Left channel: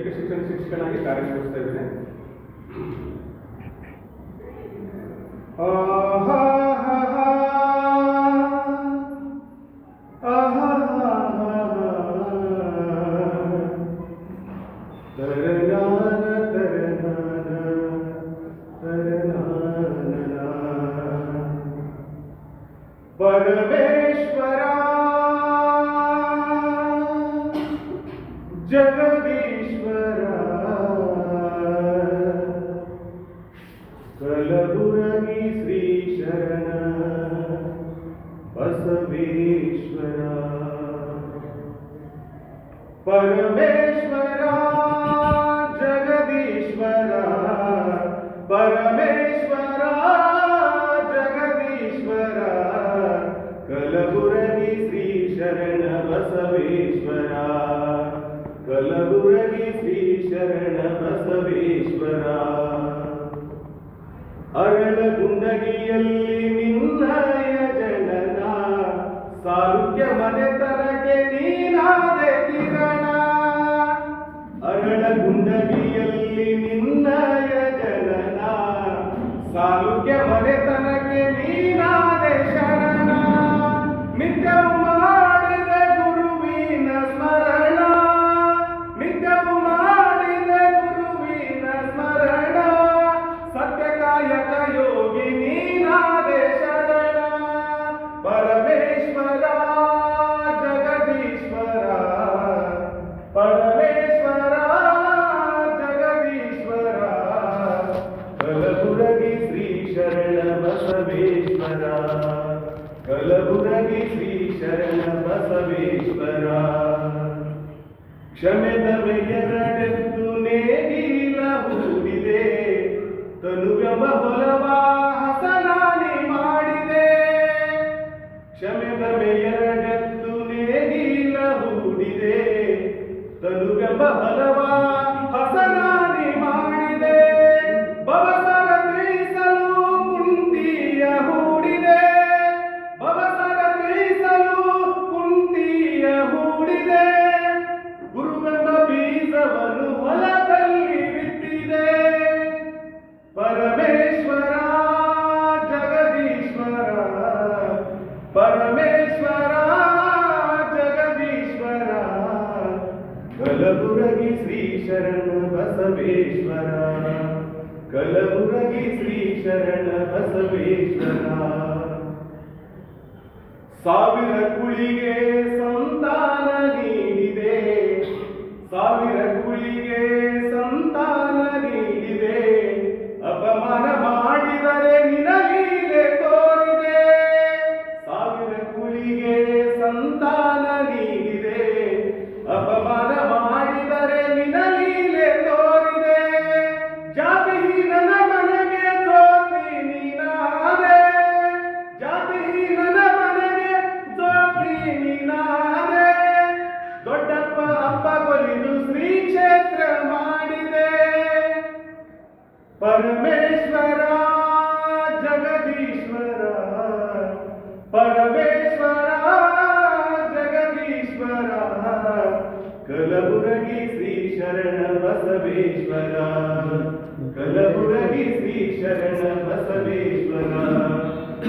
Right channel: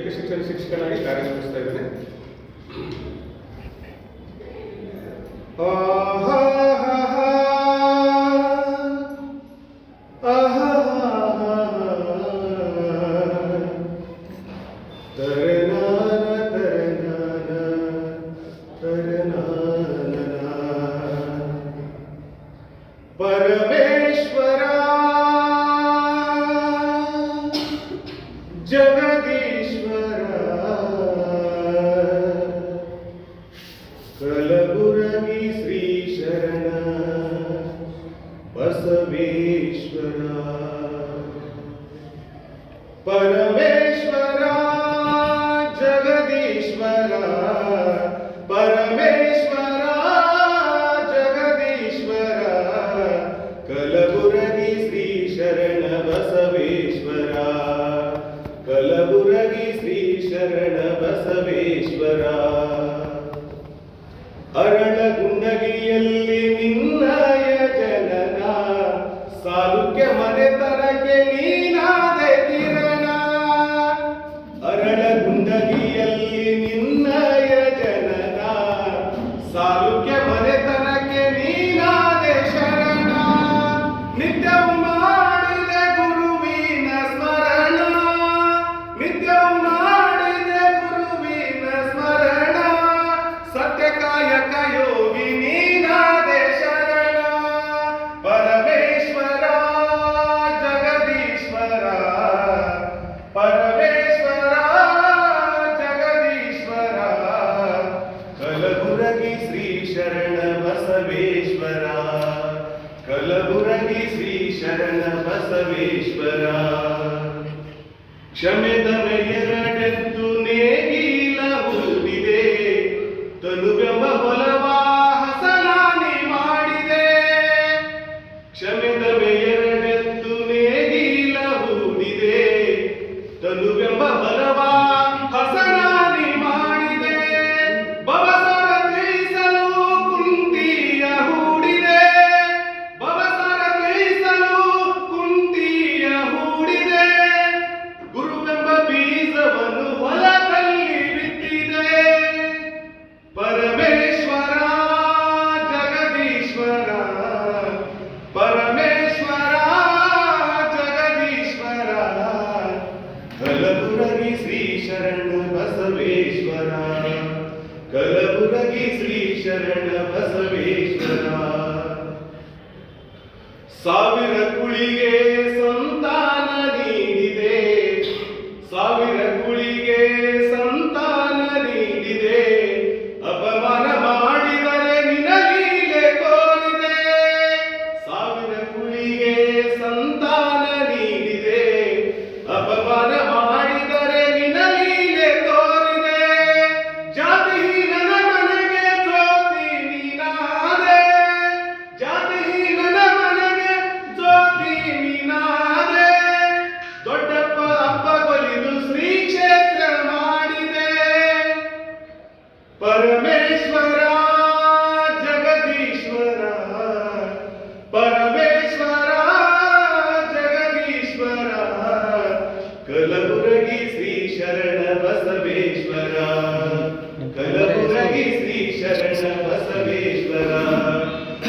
Education service ಶಿಕ್ಷಕನಾಗಿ ಕಾರ್ಯನಿರ್ವಹಿಸ್ತಾ ಇದ್ದೇನೆ. ರಘುರಗಿ ಶ್ರೀ ಶರಣ. ಬಸವೇಶ್ವರ. ಪರಮೇಶ್ವರ, ಜಗದೀಶ್ವರ. ಪರಮೇಶ್ವರ, ಜಗದೀಶ್ವರ. ಕಲಬುರಗಿ ಶ್ರೀ ಶರಣ ಬಸವೇಶ್ವರ. ಕಲಬುರಗಿ ಶ್ರೀ ಶರಣ ಬಸವೇಶ್ವರ. ज़िंदगी कलबुरगी श्री शरण बसवेश्वरा. क्षमेत मेयर ಕಲಬುರಗಿ ಶ್ರೀ ಶರಣ ಬಸವೇಶ್ವರ. ಸಾವಿರ ಕುಳಿಗೆ ಸಂತಾನ परमेश्वरा जगदीश्वरा कलबुरगी श्री शरण बसवेश्वरा कलबुरगी श्री शरण बसवेश्वरा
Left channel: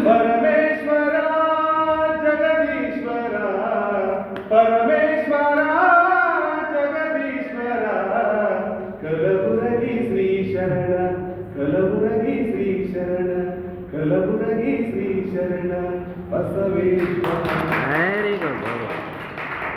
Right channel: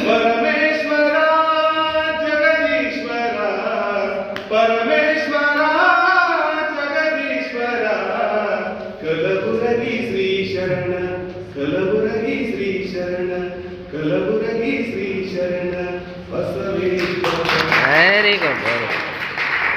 परमेश्वरा जगदीश्वरा परमेश्वरा